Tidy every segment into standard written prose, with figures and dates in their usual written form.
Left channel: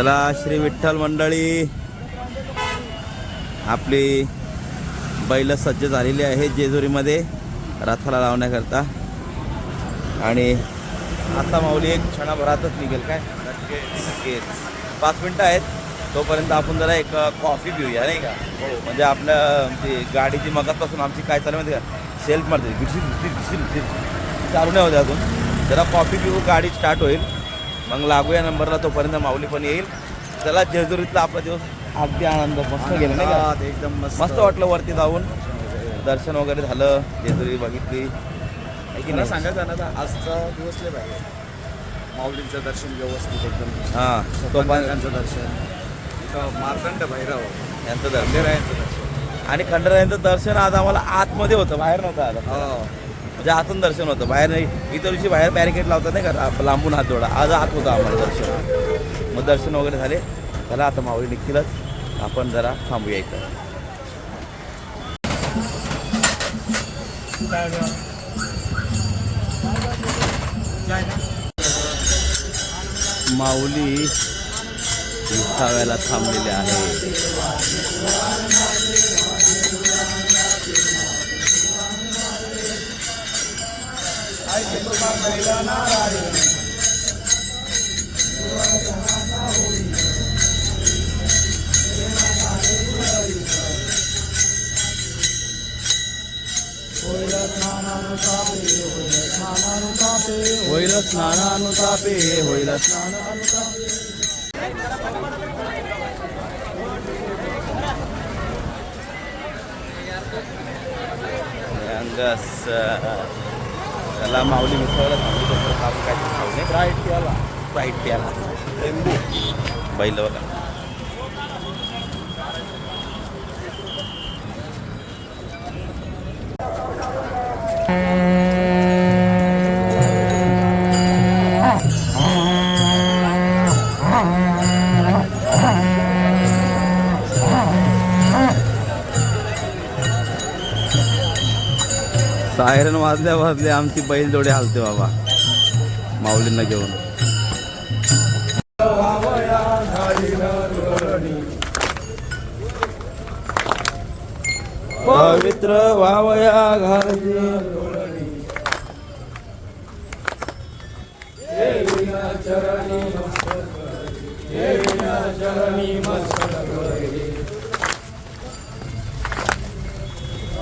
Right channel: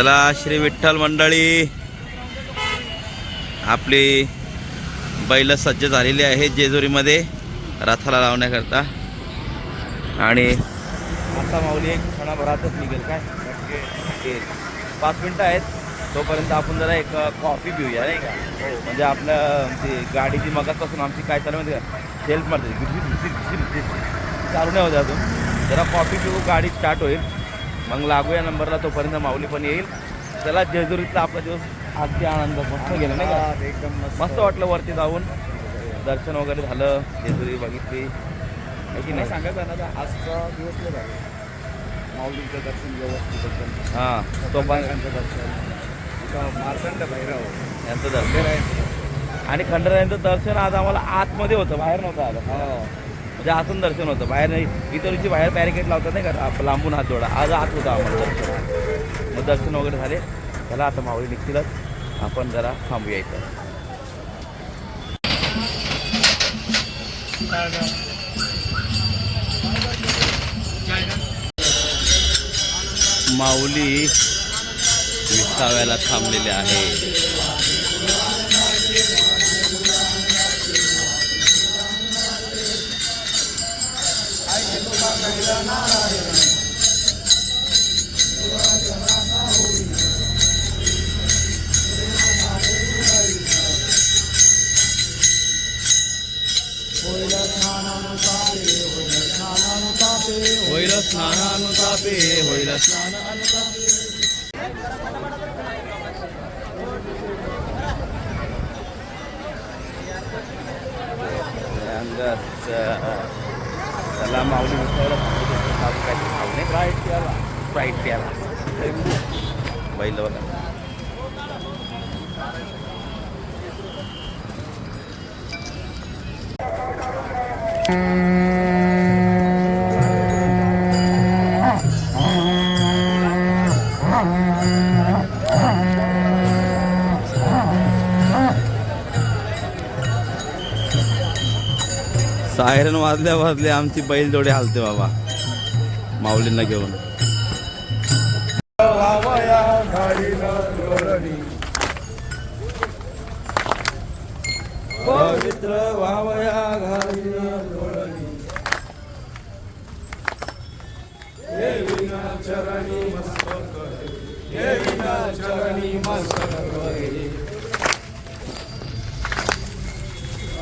चला श्री विठ्ठल मंडळी, आपली बैल सज्ज झालेली आहेत जेजुरीमध्ये रथाला लावण्याकरता. आणि आता माऊली एक क्षणाभरातच निघेल. काय 5 मिनटं आहेत, तोपर्यंत आपण जरा एक कॉफी पिऊया नाही का. हो, म्हणजे आपल्या ती गाडीची मगाचपासून आमची काय चालू माहिती का, सेल्फ मारते घिसीर चालू नाही होते अजून. जरा कॉफी पिऊ, गाडी स्टार्ट होईल, मग लागूया नंबरला. तोपर्यंत माऊली पण येईल. चला, जेजुरीतला आपला दिवस अगदी आनंद मस्त गेला नाही का. एकदम मस्त वाटलं वरती जाऊन, दर्शन वगैरे झालं, जेजुरी बघितली आहे की नाही. सांगायचं ना, आजचा दिवस लय भारी. माऊलींचं दर्शन व्यवस्थित एकदम. हां, तो पण त्यांचं दर्शन, मार्तंड भैरव यांचं दर्शन यांचं दर्शन. आणि खंडरायांचं दर्शन आज आम्हाला आतमध्ये होतं, बाहेर नव्हतं आलं. म्हणजे आतून दर्शन होतं, बाहेर नाही. इतर दिवशी बाहेर बॅरिकेड लावतात नाही का, लांबून हात जोडा. आज आत होतं आम्हाला दर्शन. मग दर्शन वगैरे झाले. त्याला आता माऊली निघतीलच, आपण जरा थांबूया इथं. माऊली विसाव्याला थांबलेले आहे. होईल स्नानानुतापे, होईल स्नानानुतापे. त्याला माऊली मिसळला थांबली, तोपर्यंत आपण काहीतरी खाऊ नये. स्प्राईट प्याला बैल बघा. सायरन वाजल्या आमची बैल जोडे हालते बाबा माऊलींना घेऊन. पवित्र वावया घाली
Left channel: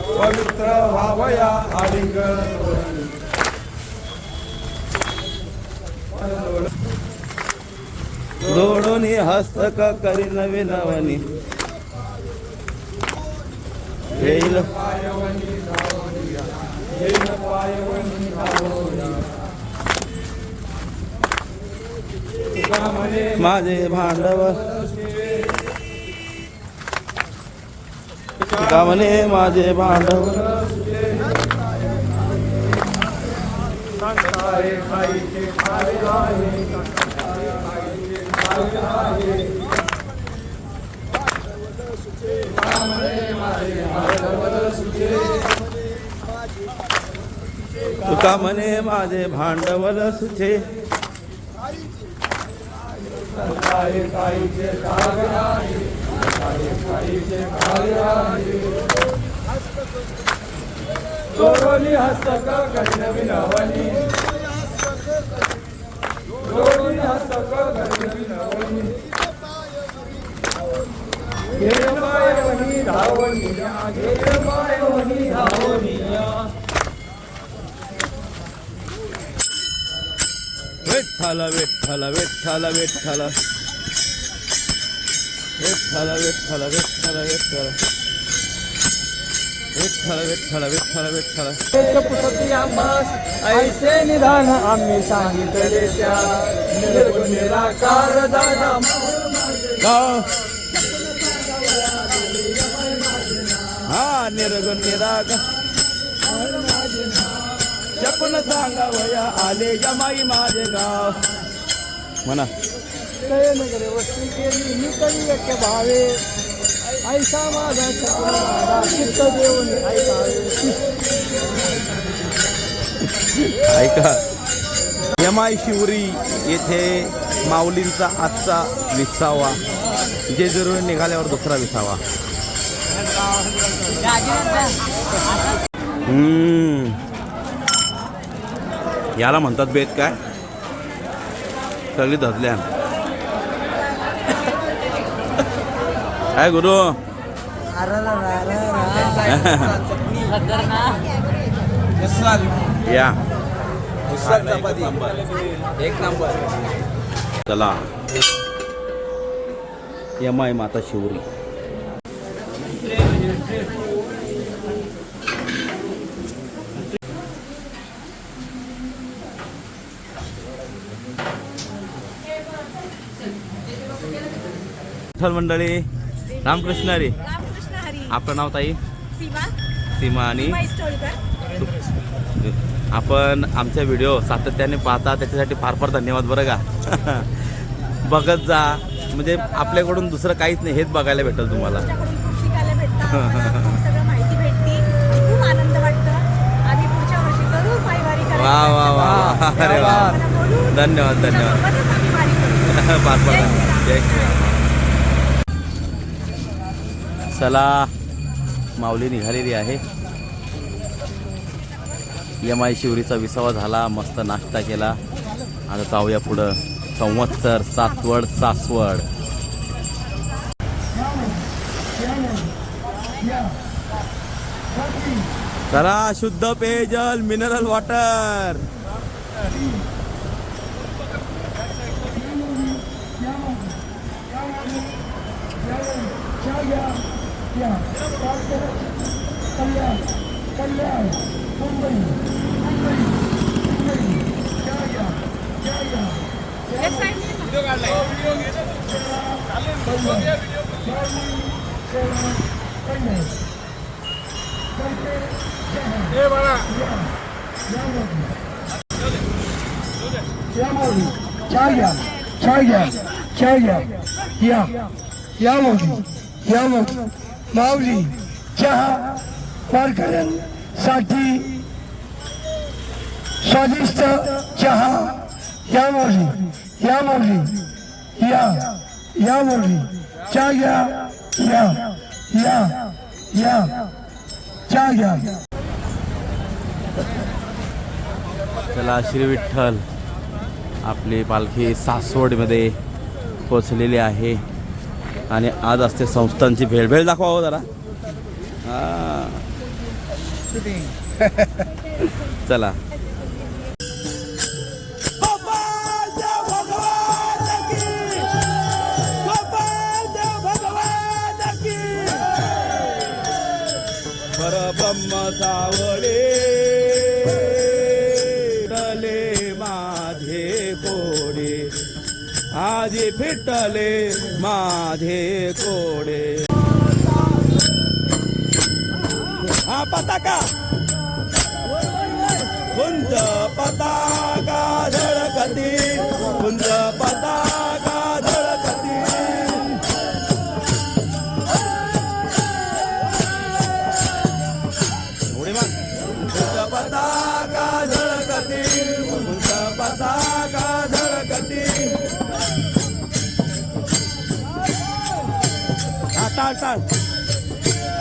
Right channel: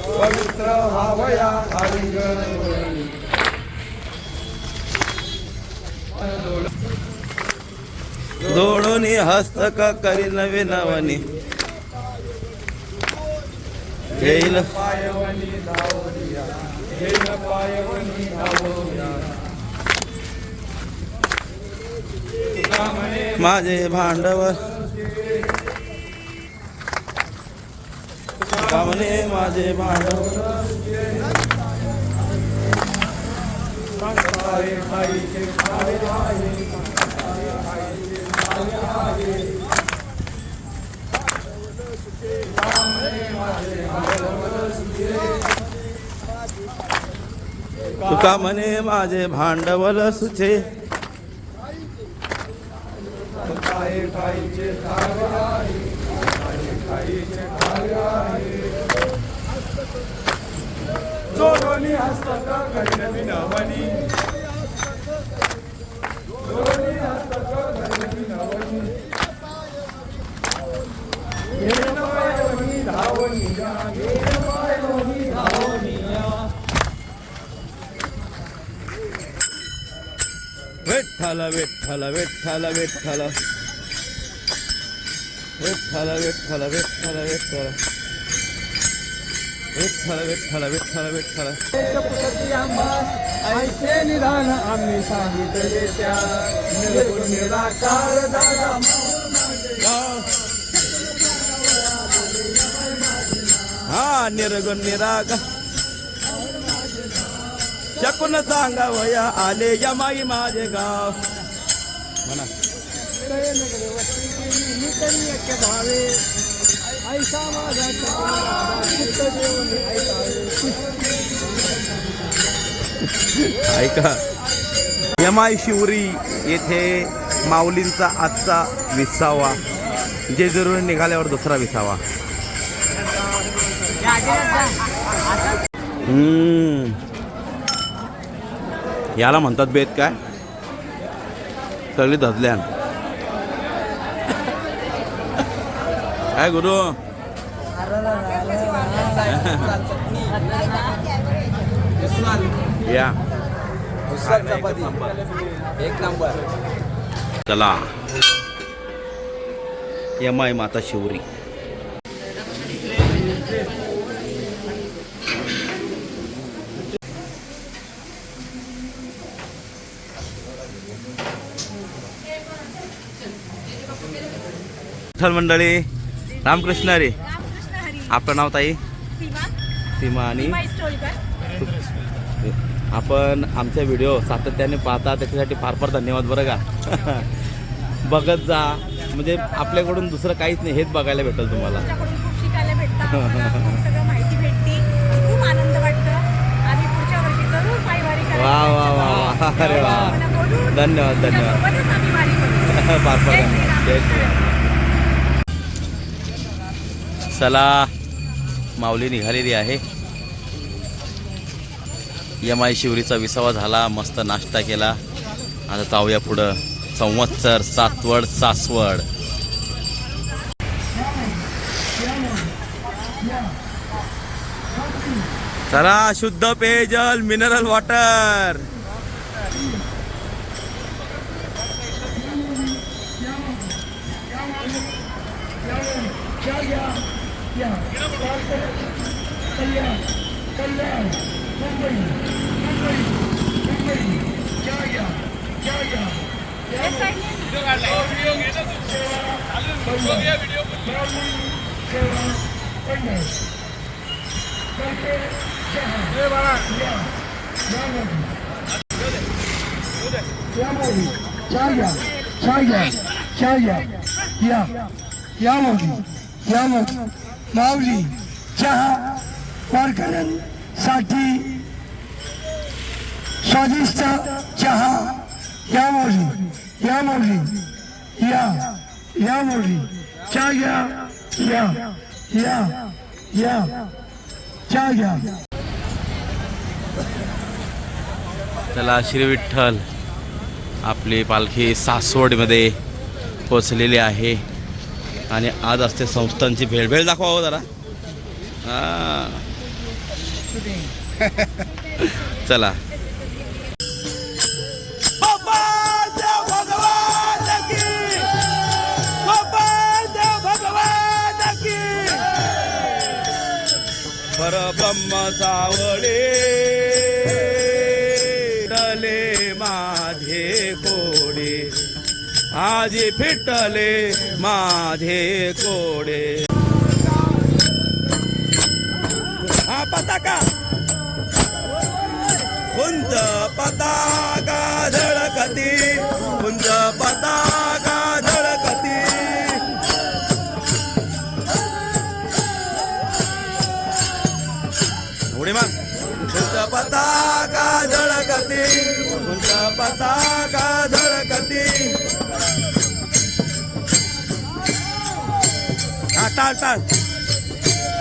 पवित्र व्हावया दोडोनी हस्तक करी नवे नवनी येईल. माझे भांडवल गावने, माझे भांडवल तुका म्हणे माझे भांडवल सुचे. जोडोनी हस्तक कठीण नवनी, जोडोनी हस्तक कठीण नवनी, घेरमायवनी धावनिया, घेरमायवनी धावनिया. विठ्ठल विठ्ठल विठ्ठल विठ्ठल विठ्ठल विठ्ठल विठ्ठल विठ्ठल विठ्ठल विठ्ठल विठ्ठल विठ्ठल. ऐसे निधान आम्ही सांगितले त्या, निर्गुण निराकार दादा हा निर्गुण निराकार शकून सांगा वया आले यमाई माझे गाव. म्हणा वस्ती केली मी तरी एक भावे, ऐसा माझा शकून दादा चित्त देऊन ऐकावे. ऐका, यमाई शिवरी येथे माऊलींचा आजचा 20वा, जेजुरीहून निघाल्यावर दुसरा 20वा. याला म्हणतात बेत काय, सगळी धजल्यान काय गुरु. या एक नंबर. चला यमाई माता शिवरी. विठ्ठल मंडळी, रामकृष्ण हरी. आपलं नाव ताई? सीमा. आणि आपण आमच्या व्हिडिओ सातत्याने पाहता त्याच्यासाठी फार फार धन्यवाद बरं का. बघत जा, म्हणजे आपल्याकडून दुसरं काहीच नाही, हेच बघायला भेटेल तुम्हाला. खूप शिकायला भेटतं, खूप सगळं माहिती भेटते, खूप आनंद वाटतं. आम्ही पुढच्या वर्षी जरूर पायवारी करायला. वा वा वा वा, अरे वा, धन्यवाद धन्यवाद. आम्ही वारी करू. फार फार धन्यवाद. जय श्रीराम. चला माऊली निघालेली आहे. यमाई शिवरीचा 20वा झाला, मस्त नाश्ता केला. आता जाऊया पुढं. संवत्सर, सातवड, सासवड. चला शुद्ध पेयजल, मिनरल वॉटर. माऊली चहा वारकऱ्यांसाठी स्वादिष्ट चहा. या माऊली चहा घ्या. चहा घ्या. चला श्री विठ्ठल, आपली पालखी सासवडमध्ये पोचलेली आहे आणि आज असते संस्थांची भेळ दाखवा हो जरा. चला. परब्रह्म सावळे डले माझे कोडे, आजी फिटले माझे कोडे. हा पताका, कुंज पताका झळकती, कुंज पताका झळकती. उडी मग. कुंज पताका झळकती, कुंज पताका झळकती. टाळ टाळ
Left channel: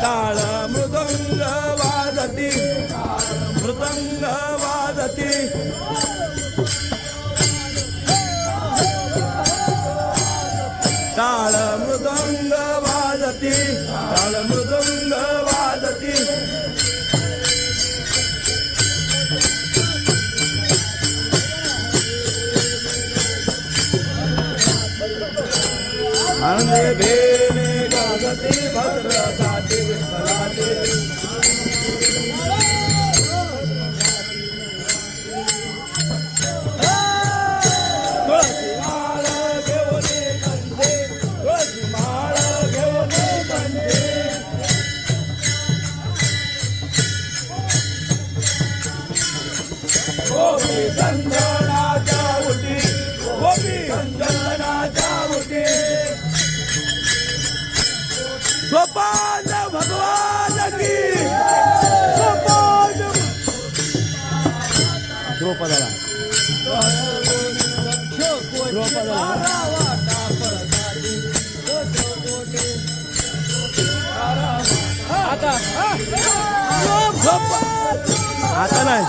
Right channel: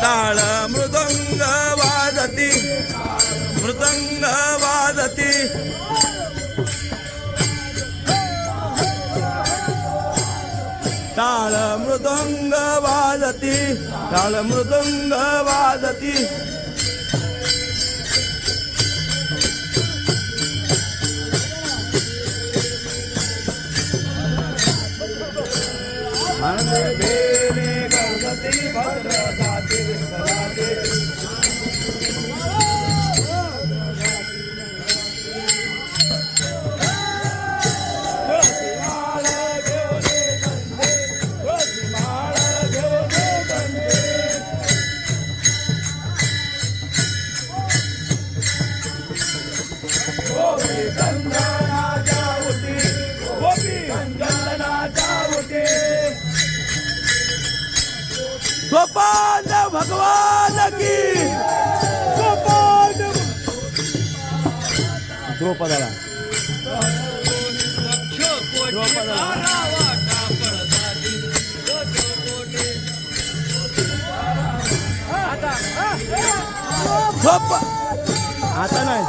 टाळ मृदंग वाजती, मृदंग वाजती. टाळ मृदंग वाजती, टाळ मृदंग वाजती. अंगे बेने गणपती भद्रकाते विठ्ठलाते. तुळशी माळ घेऊन कंदे, तुळशी माळ घेऊन कंदे. गोपी चंदनाच्या उटी, गोपी चंदनाच्या उटी. गोपाल भगवान की. द्रौपदाला झोप आता नाही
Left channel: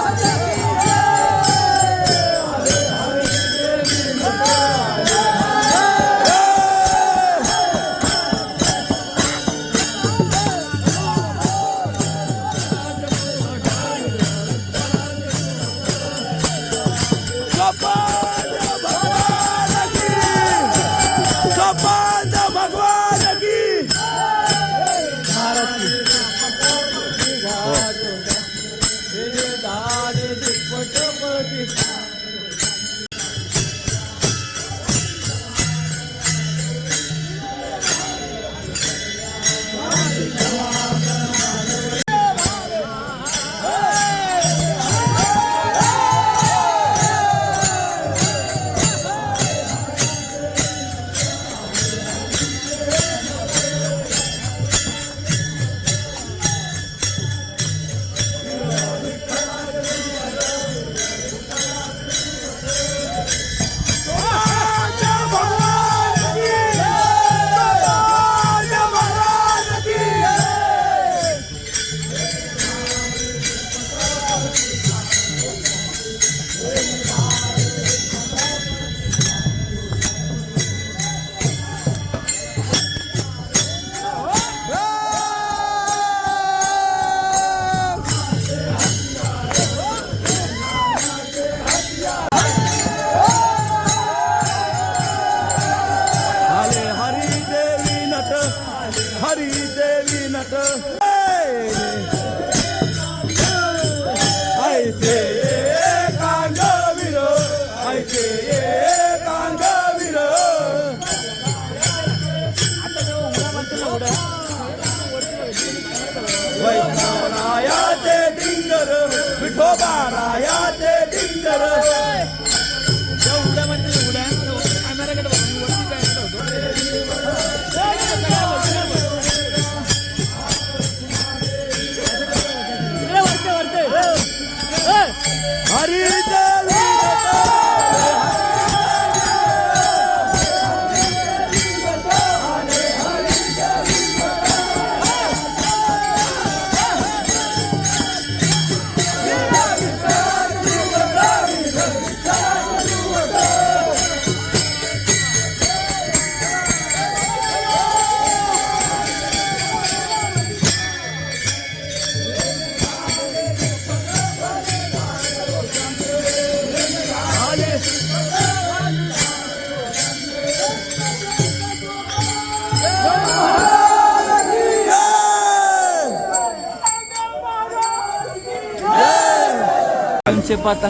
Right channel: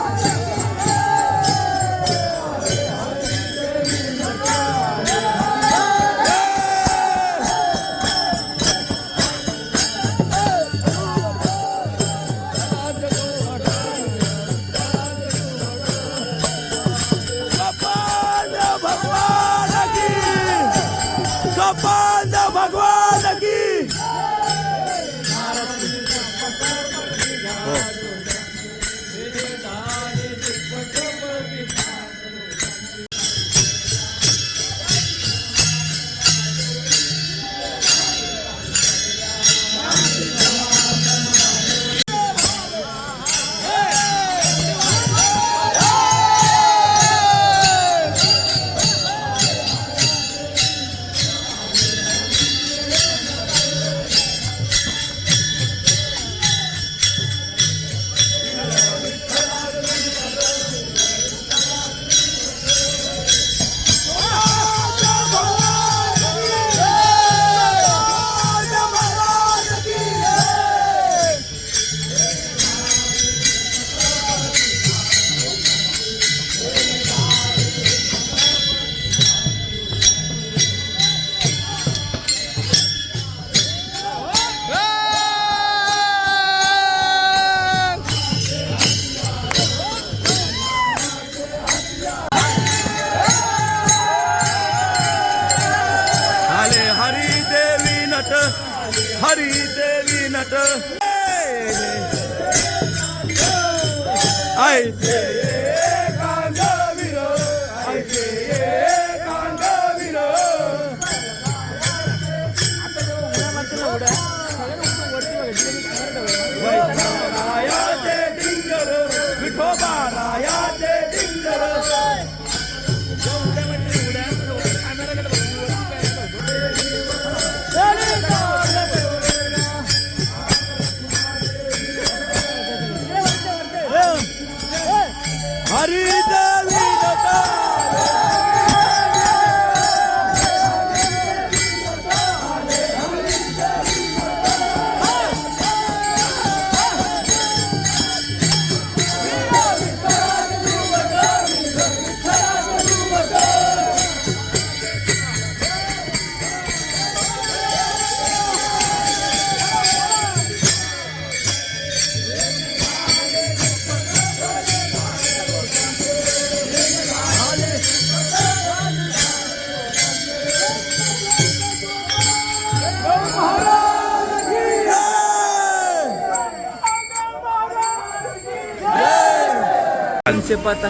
गोपाल भगवान की हो आले हरी देवी नट हरी देवी नट ऐसे कांदवीर ऐसे कांदवीर रायाचे डिंगर विठोबा रायाचे डिंगर हरी देवी से पता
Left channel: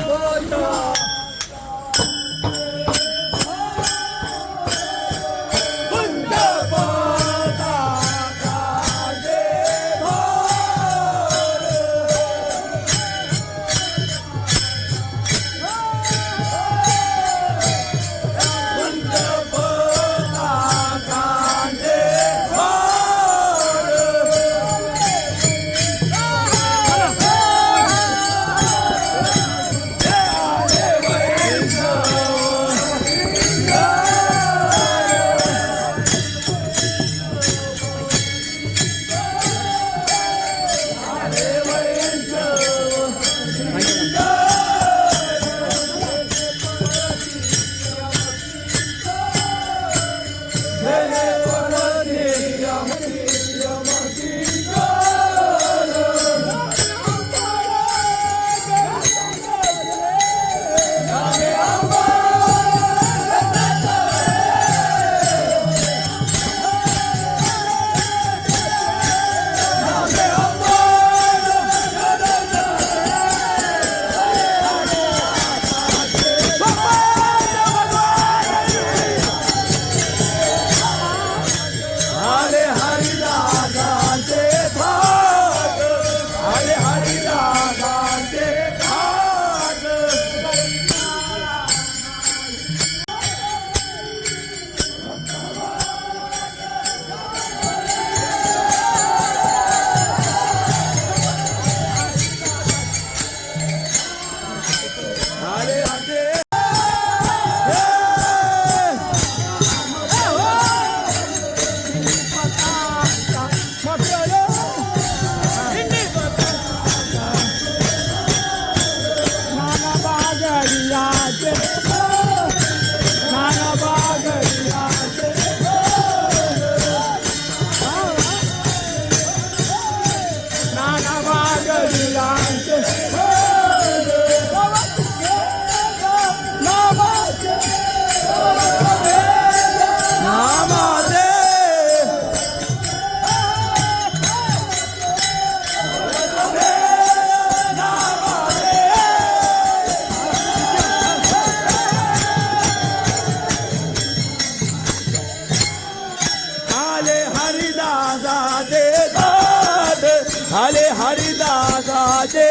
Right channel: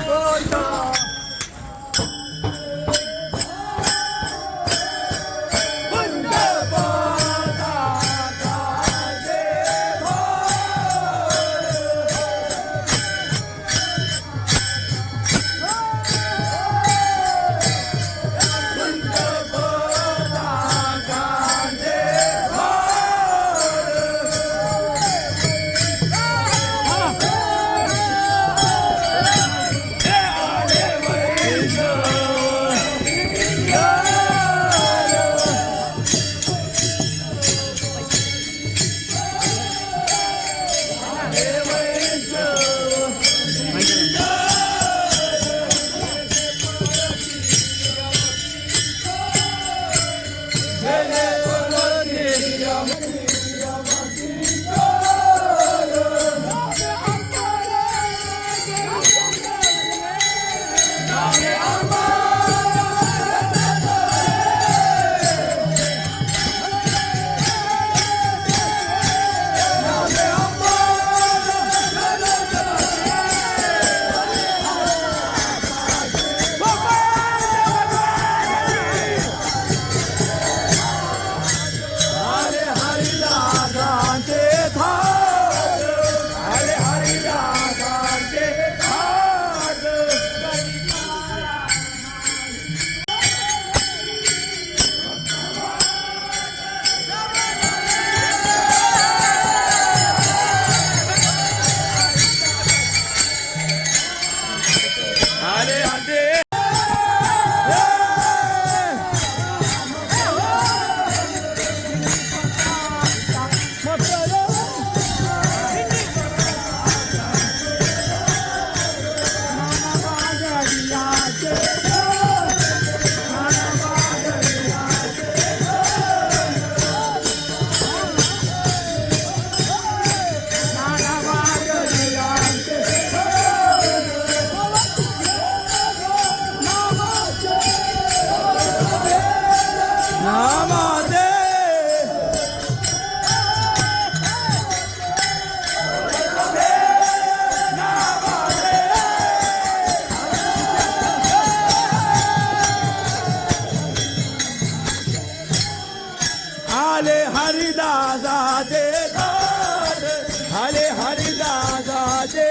साजे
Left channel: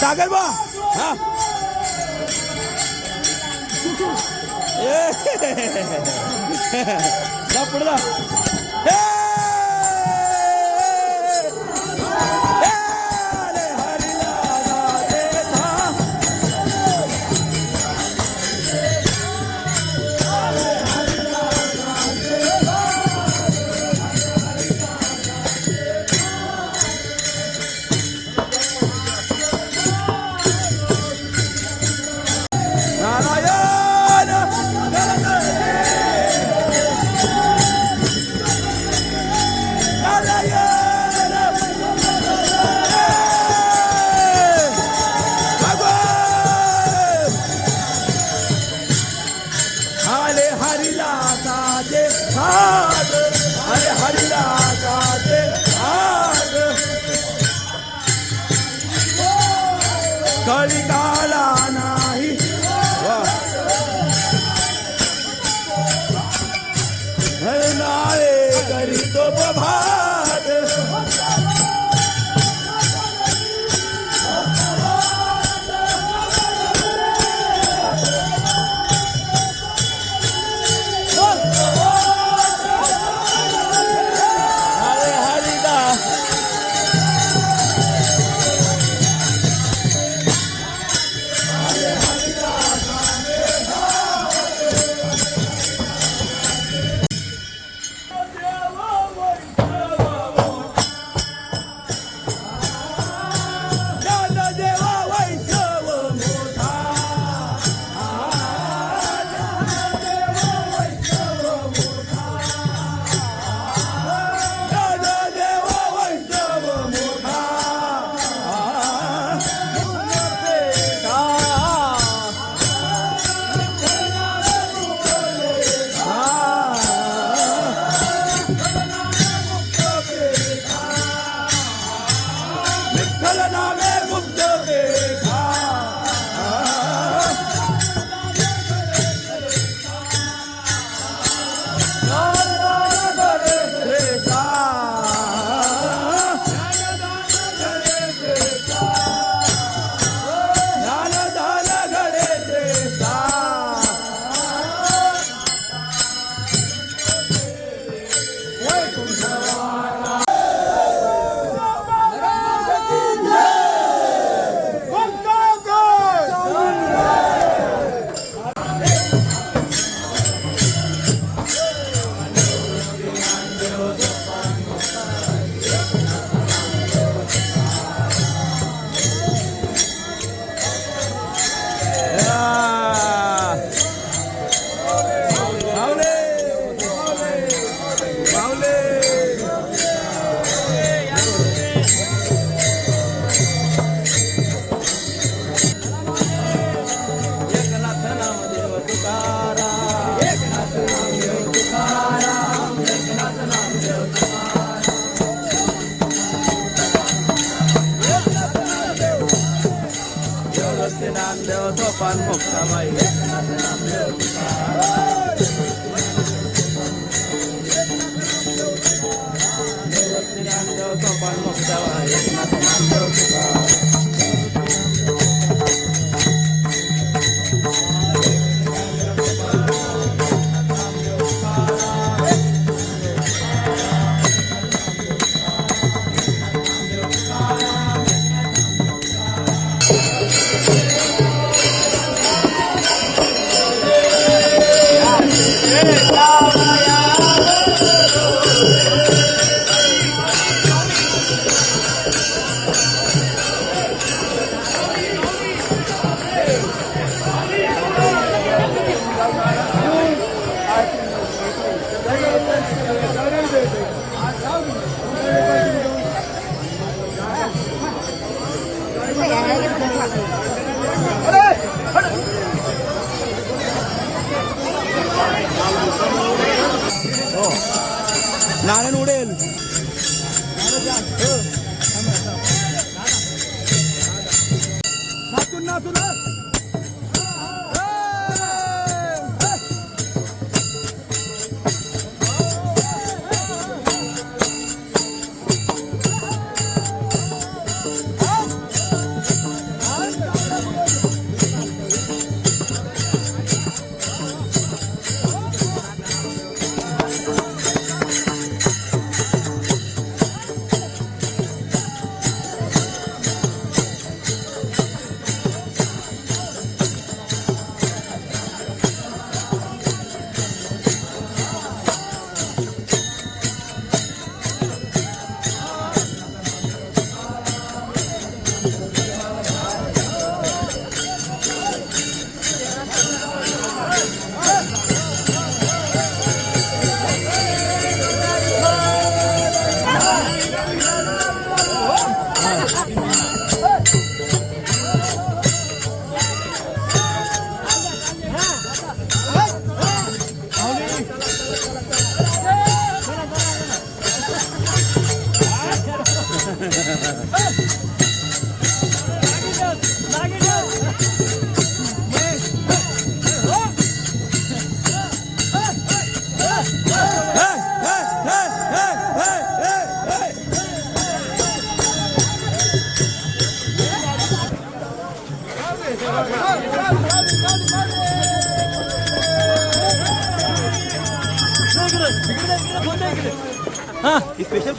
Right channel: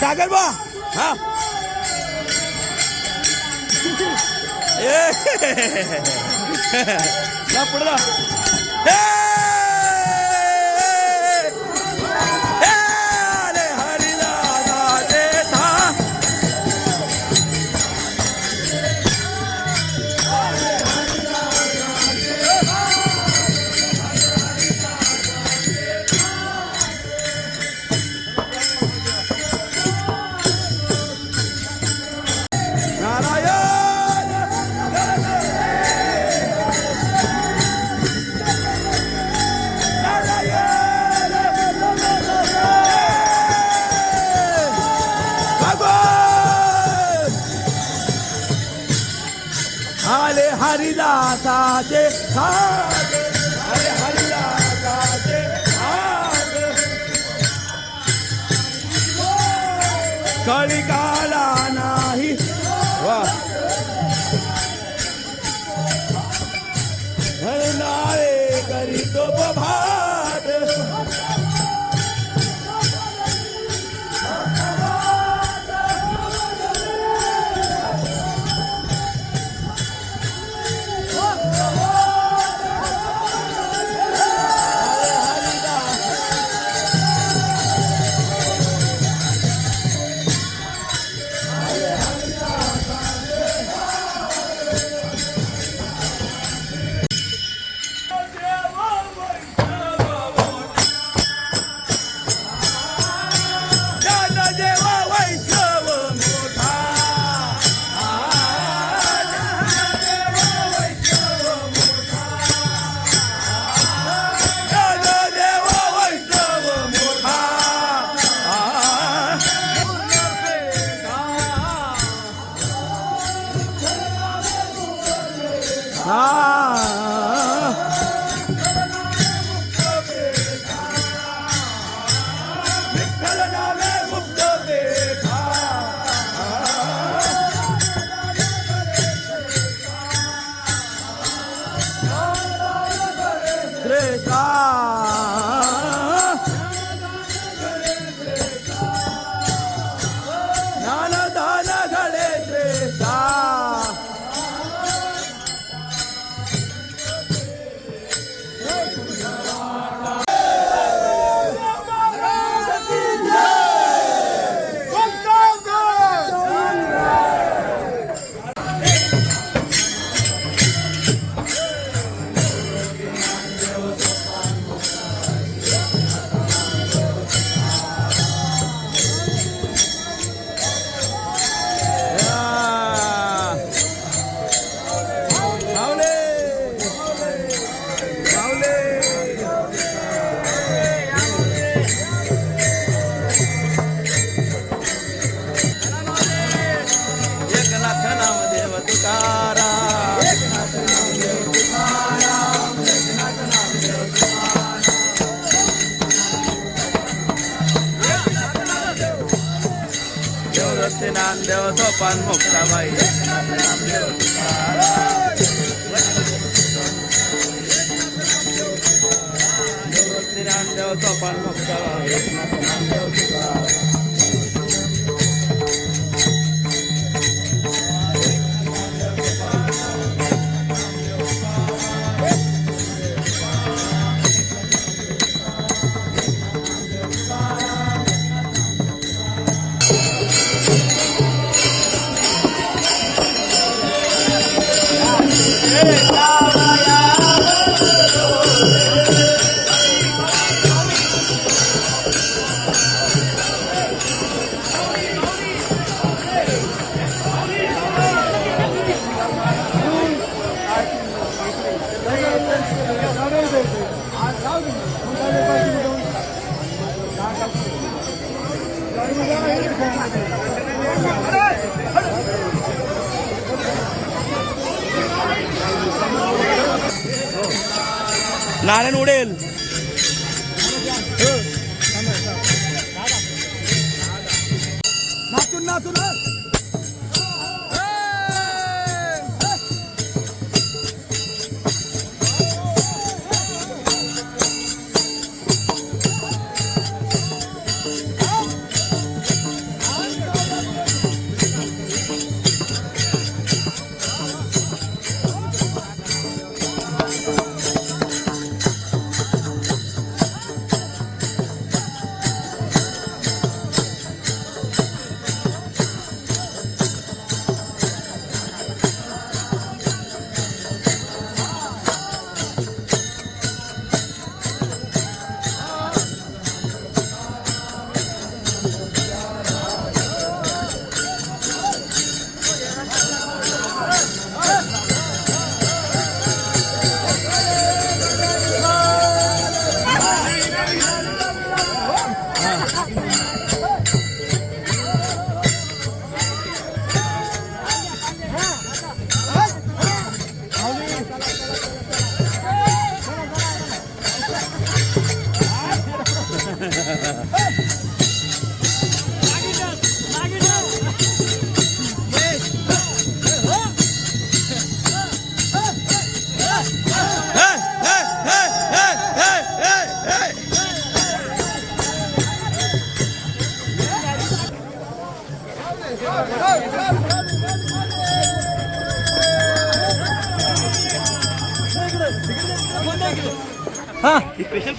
सागर बा हा पुढे जा हरिला नारायण नारायण आले हरिला साजे आले हरिला साजे आले कळी काला नाही वा नाळे करी तो भात नामदेव सोपान मोक्षाबाई नामदेव सोपान मोक्षाबाई नारायण उडेल. स्पेशल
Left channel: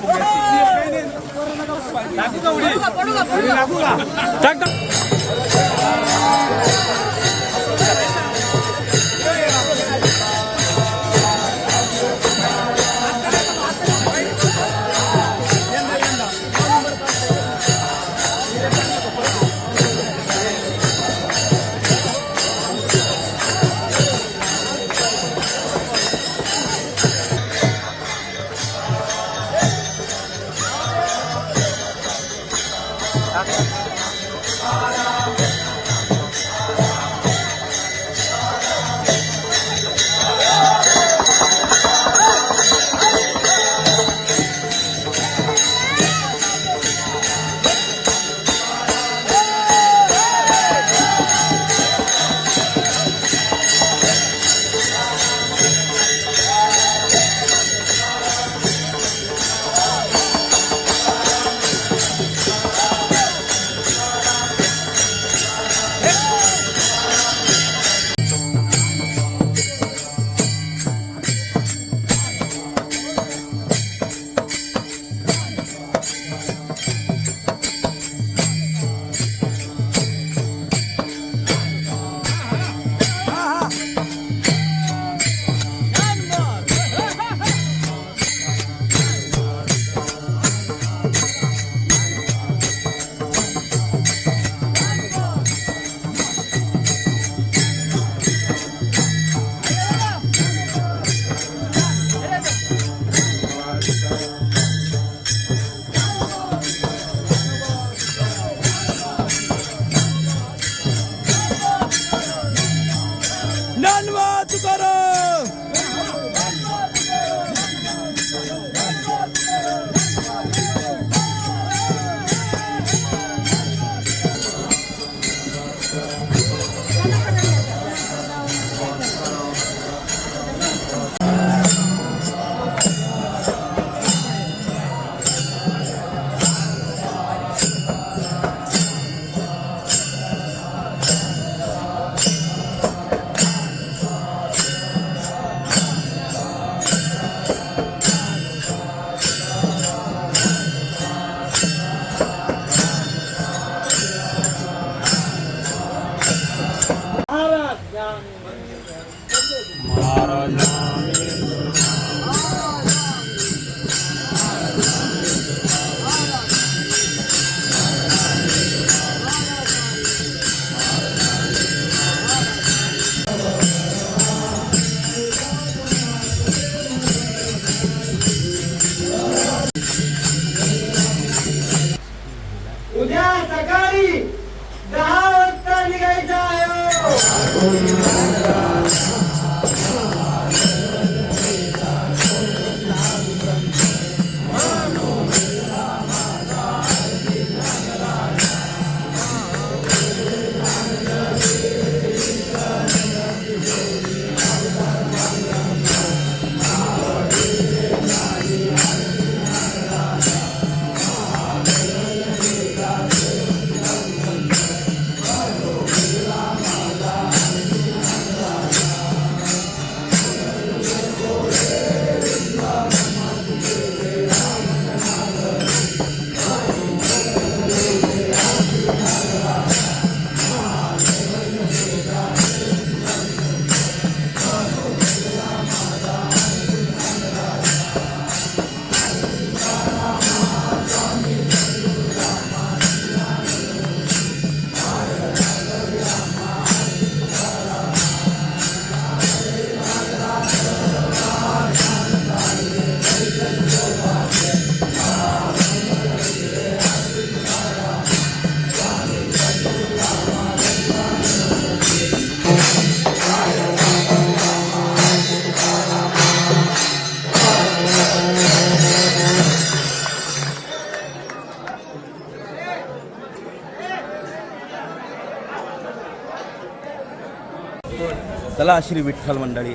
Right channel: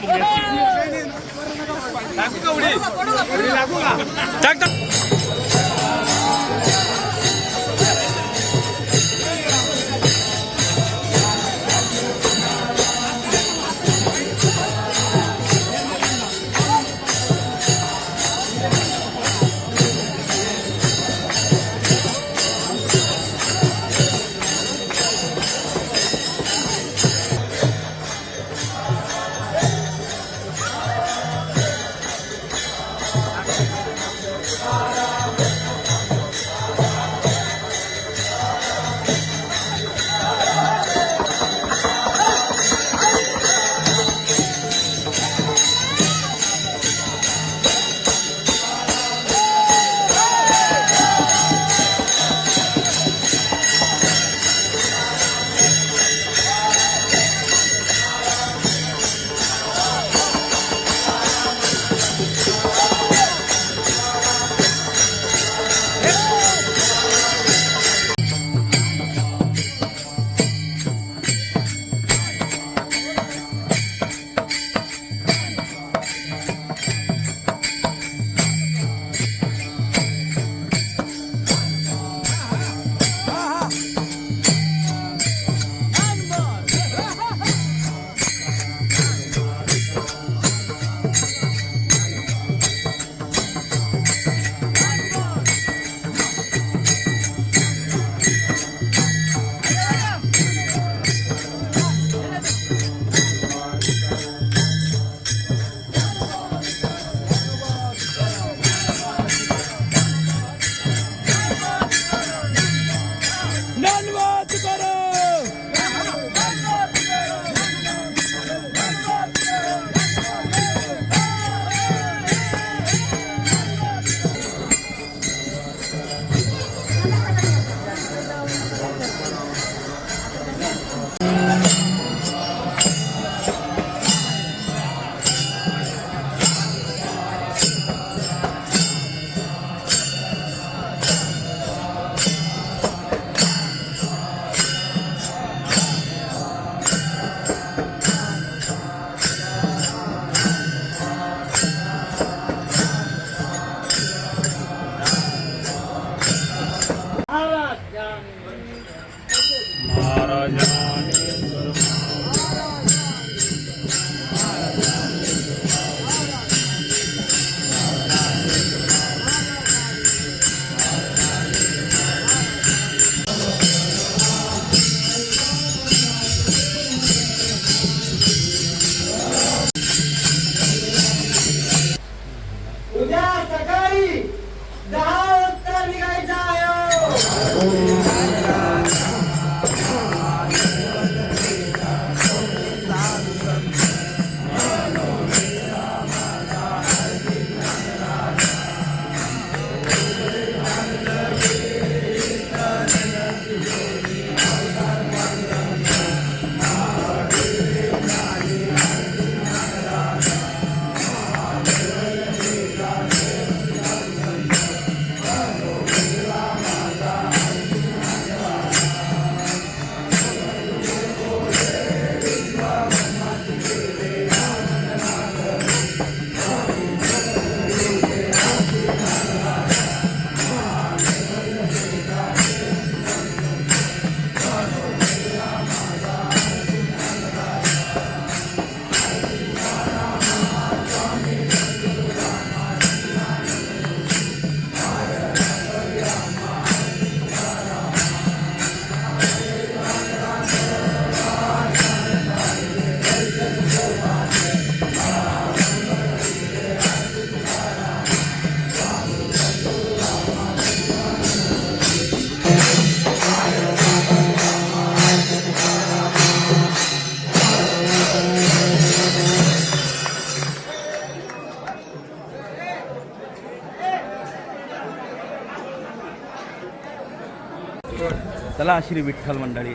चला श्री विठ्ठल मंडळी,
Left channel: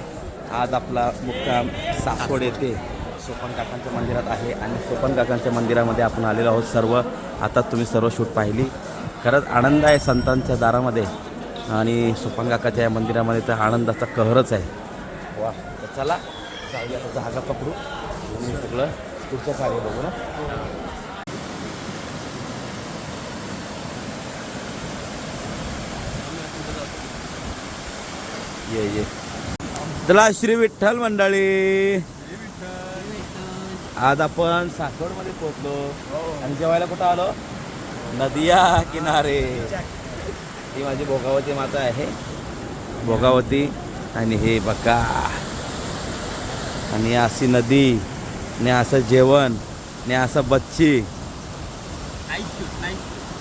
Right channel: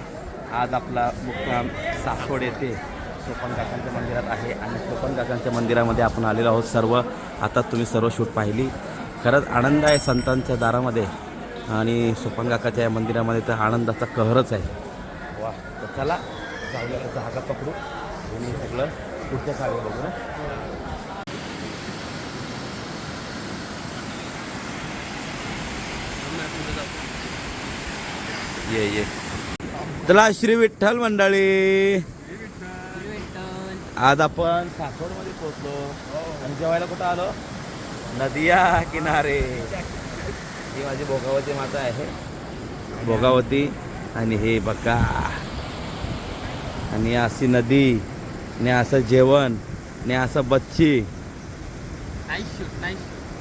आज आपला मुक्काम सासवड येथे सोपन काकांच्या मंदिरात आहे आणि सोपन काकांच्या मंदिरामध्ये आपण आलेलो आहोत सर्व. आता तुम्ही सर्व शूट पाहिली. खरंच आनंद आहे संतांच्या दारामध्ये आणि सोपन काकाच्या या मंदिरामध्ये तर आनंदाचा कहरच आहे. वा, तर चला जाऊया, त्याचा हागा पकडू आणि सगळं पुढचं कार्य बघू ना. ये चला श्री विठ्ठल मंडळी, आज आपण सासवडमध्ये पोहोचलो आणि जेवायला कुठं आलो? नदिया किनारे. ही माझी भोगावती माता आहे, भोगावती. आणि हे बघा, आणि अशी नदी ने असं जेवण ने असं बच्ची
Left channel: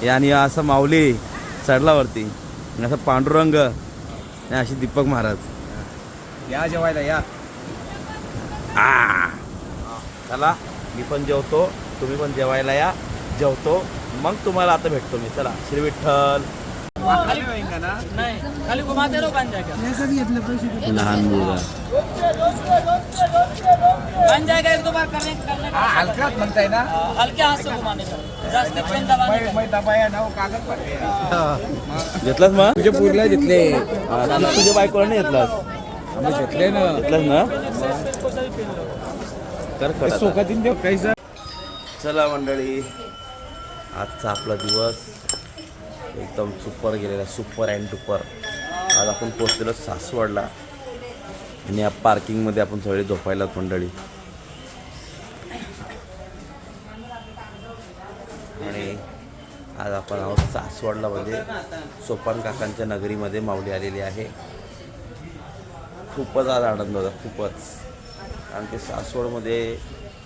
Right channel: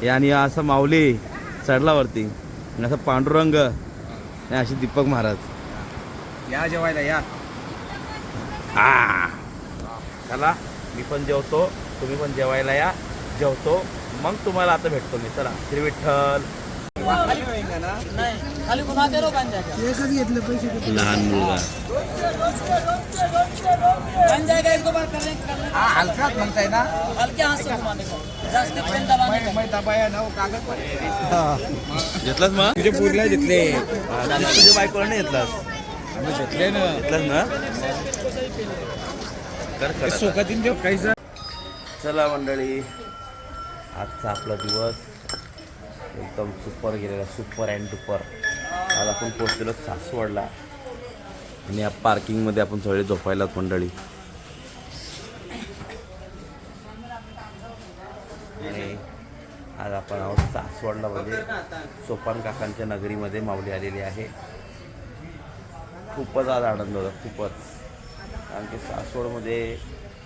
आणि असं माऊली चढलावरती आणि असं पांडुरंग आणि अशी दीपक महाराज. या जेवायला या. चला मी पण जेवतो, तुम्ही पण जेवायला या. जेवतो मग तुम्हाला आता भेटतो मी. चला श्री विठ्ठल. लहान मुलगा हलक्यात म्हणताय ना, हल्के हाथ से घुमाने का, जास्त पेन दबाने का. मैं दबाया ना वो कागज पर. घेतलास मग? तुझे पूरला घेतले, तुझ्या बायकोला नाही घेतलास? आम्ही घेतले ना. घेतलास ना? कर पटापट. सोखातीन देव कैसा. चला मंडळी, आजचा आपला दिवस एकदम सुपर गेलेला, सुपर अँड डुपर. आज आपण पोहोचलेलो सासवडला आणि या पार्किंगमध्ये आपण थोडी झोपायला मंडळी. आणि आज आपण आहोत सासवडला, म्हणजे सोपान काकांच्या नगरीमध्ये माऊली आलेली आहे. खूपच आज आनंद होता, खूपच. कारण की सासवडमध्ये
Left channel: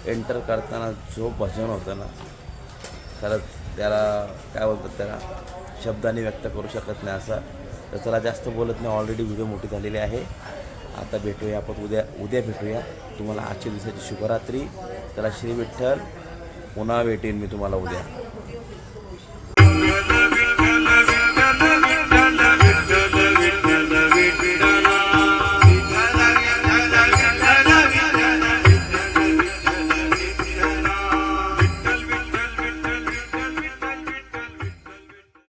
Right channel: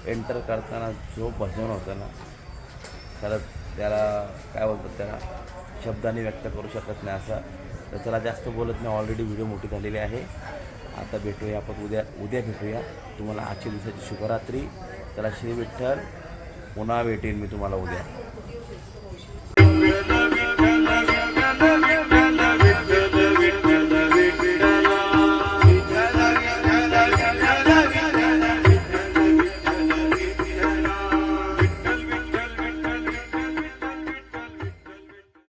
एंटर करताना जो भजन होतं ना, खरंच त्याला काय बोलतात, त्याला शब्दांनी व्यक्त करू शकत नाही असं. तर चला जास्त बोलत नाही, ऑलरेडी व्हिडिओ मोठी झालेली आहे. आता भेटूया आपण उद्या भेटूया. तुम्हाला आजच्या दिवसाची शुभरात्री. चला श्री विठ्ठल, पुन्हा भेटेन मी तुम्हाला उद्या.